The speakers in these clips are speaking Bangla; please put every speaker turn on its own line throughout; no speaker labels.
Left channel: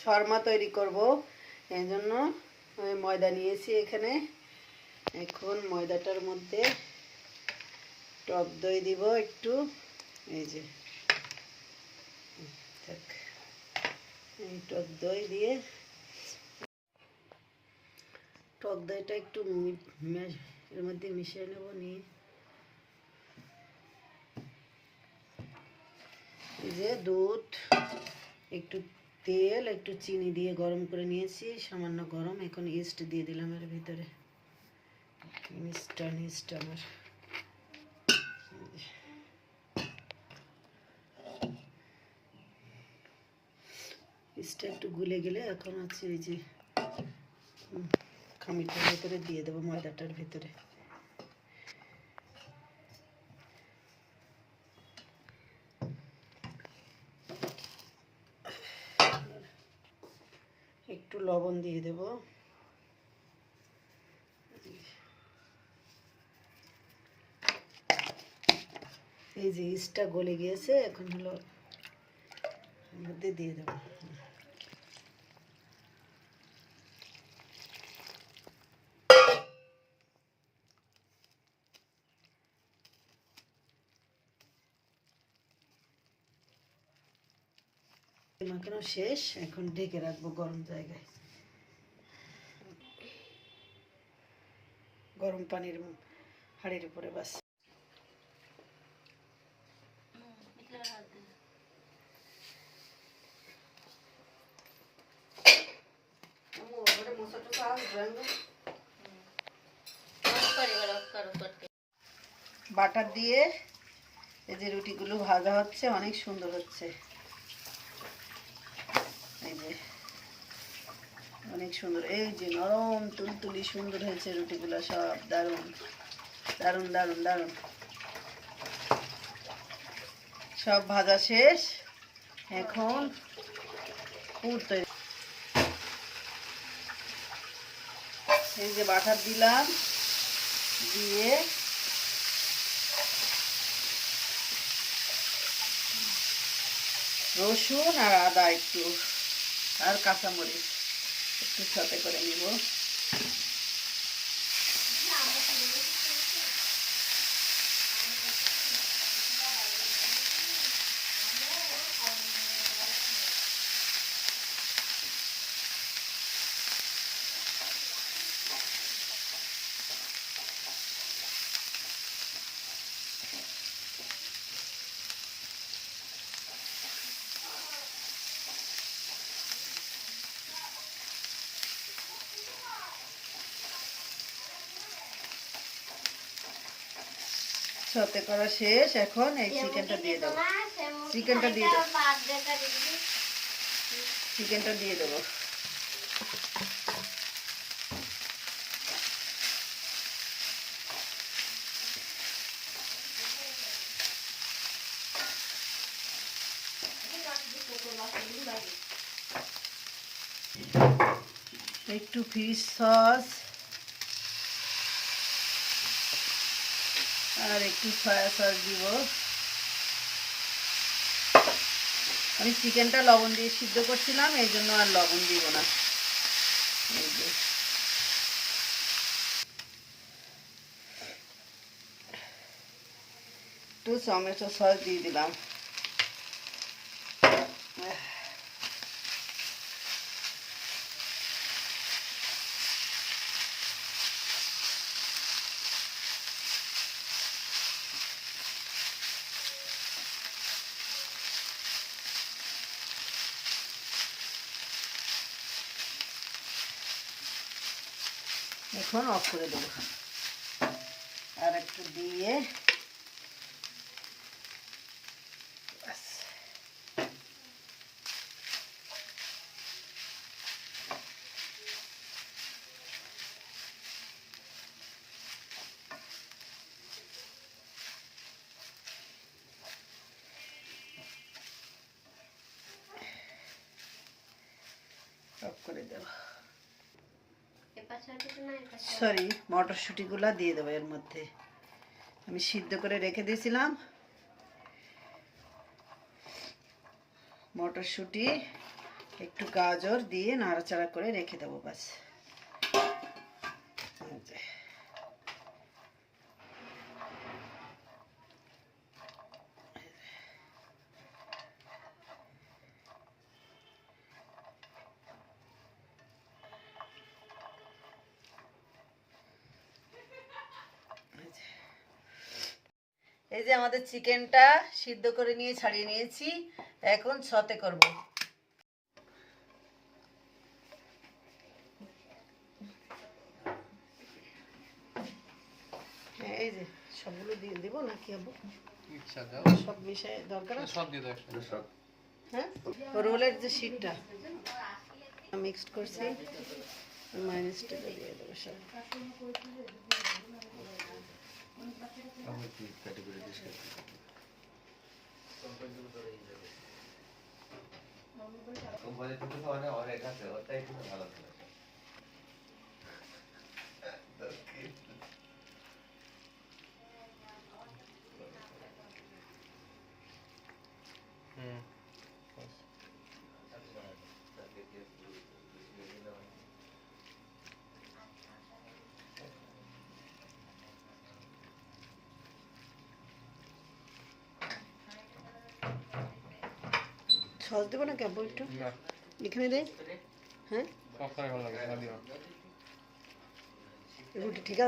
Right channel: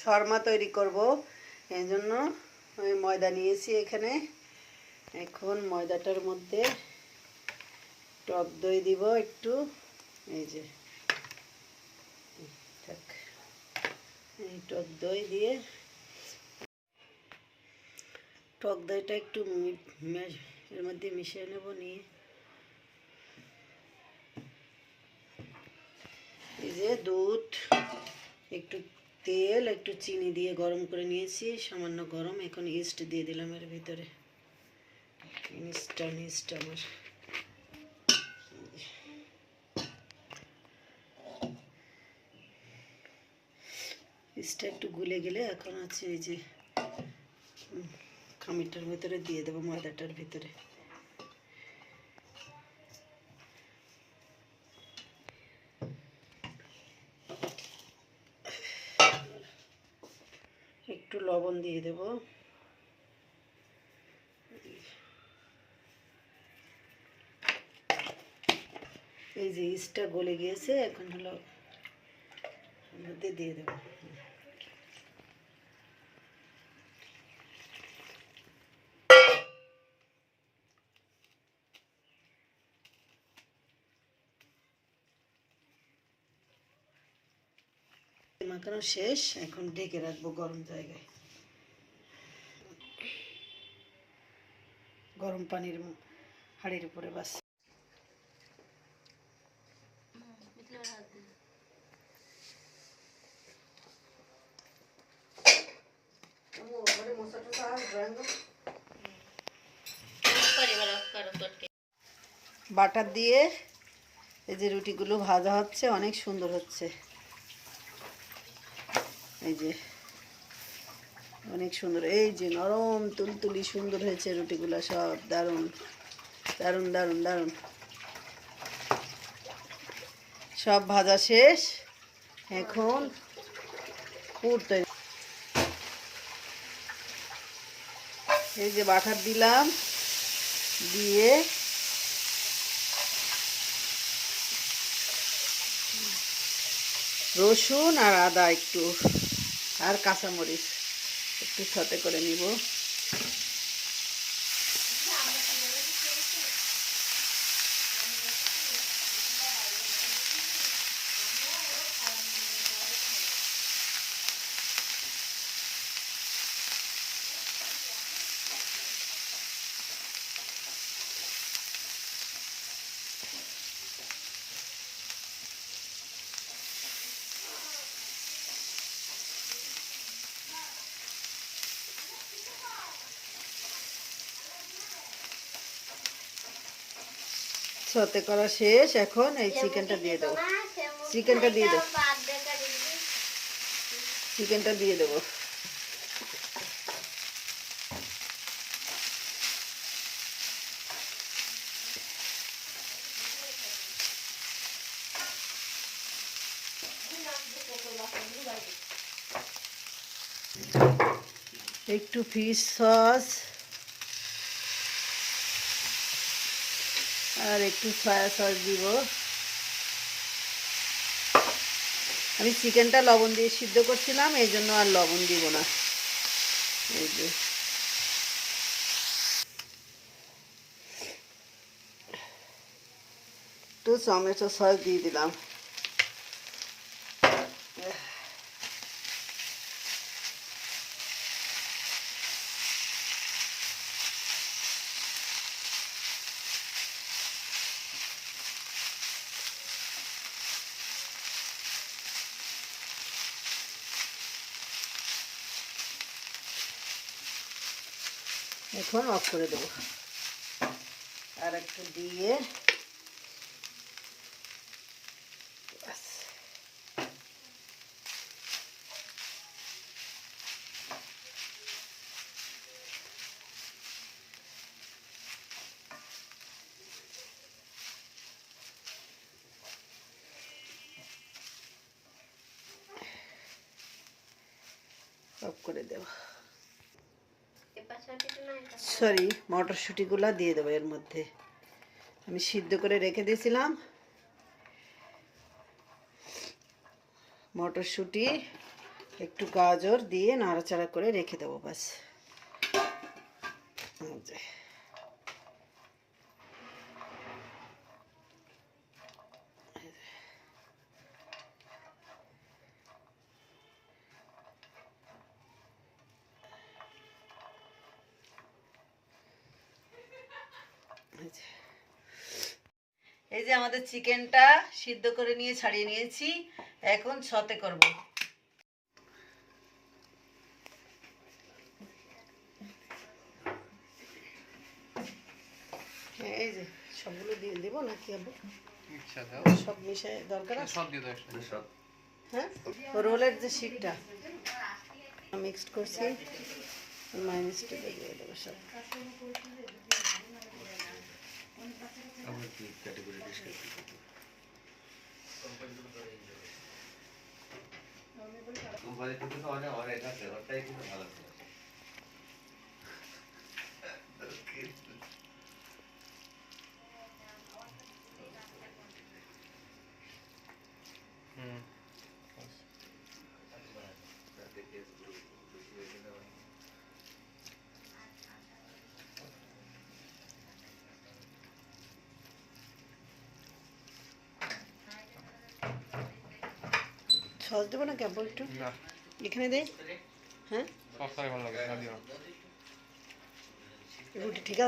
শর্মা তৈরি করব। এই জন্য ময়দা নিয়েছি এখানে। এখন ময়দাটার মধ্যে টক দই দিব একটু। এই যে এই টক দই দিয়ে টক দইটা একটু এর মধ্যে মিশিয়ে নেব, নিয়ে। এই যে দুধ। একটু তেল, একটু চিনি দিয়ে গরম করে নিয়েছি, সামান্য গরম, এখন ইস্ট দিয়ে দিলাম এর ভিতরে। ইস্টটা ইস্ট আমার। ইস্টটা একটু গুলে গেলে এখন আছে এই যে খামিরটার ভিতরে দিয়ে দেবো ময়দাটার ভিতরে। একটু লবণ দিয়ে দেব। এই যে ইস্টটা গলে গিয়েছে, এখন হলো মধ্যে দিয়ে দেবো। মাখানো শেষ, এখন ঢেকে রাখব গরম জায়গায়। গরম পানির হাঁড়ির উপরে, বাস। বাটার দিয়ে এই যে রুটিগুলো ভাজা হচ্ছে, অনেক সুন্দর হচ্ছে। এই যে অনেক সুন্দর। এই যে নরম, তুলতুলি, সুন্দর হয়েছে রুটিগুলো সব। দারুণ দারুণ দারুণ দারুণ। সব ভাজা শেষ। এখন পুর এই যে বাটার দিলাম, দিয়ে রসুন আর আদা একটু, আর কাঁচামরিচ। একটু সাথে করে নিব সাথে করা শেষ। এখন এই চিকেনটা দিয়ে দেবো। চিকেনটা দিয়ে দেবো। চিকেনটা দিয়ে দেবো। একটু ফিশ সস আর একটু সয়া সস দিব। আমি চিকেনটা লবণ দিয়ে সিদ্ধ করছিলাম, এই জন্য আর লবণ দিব না। একটু টমেটো সস দিয়ে দিলাম। এখন অফ করে দেবো। আর একটু দিয়ে অফ করে দেবো। সরি মটরশুঁটিগুলো দিয়ে দেবো এর মধ্যে। আমি সিদ্ধ করে রেখে দিয়েছিলাম। মটরশুঁটি, একটু গাজর দিয়ে নাড়াচাড়া করে রেখে দেবো বাস এই যে আমাদের চিকেনটা সিদ্ধ করে নিয়ে ছাড়িয়ে নিয়েছি। এখন ছতে করব। হ্যাঁ, এই যে সবগুলো দিয়ে দিব নাকি আবু
ইচ্ছা
সব মিশে দরকার
সব দিয়ে দাও একসাথে। সব।
হ্যাঁ? রোলের যে শিটটা মিক্সড করছি। মাইনাসটা দিয়ে দেবো সব।
হুম
সস দেবো একটু? এখানে দেই হ্যাঁ?
ভালো লাগে
রুটি ঠিক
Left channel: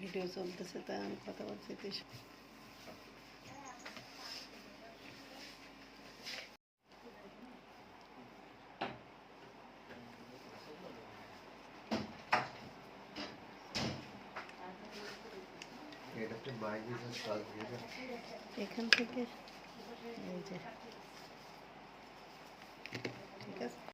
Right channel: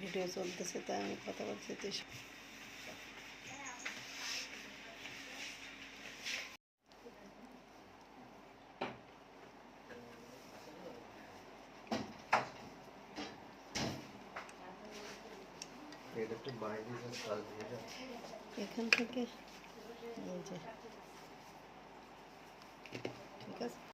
ভিডিও চলতেছে তাই আমি কথা বলছি এখান থেকে এই যে।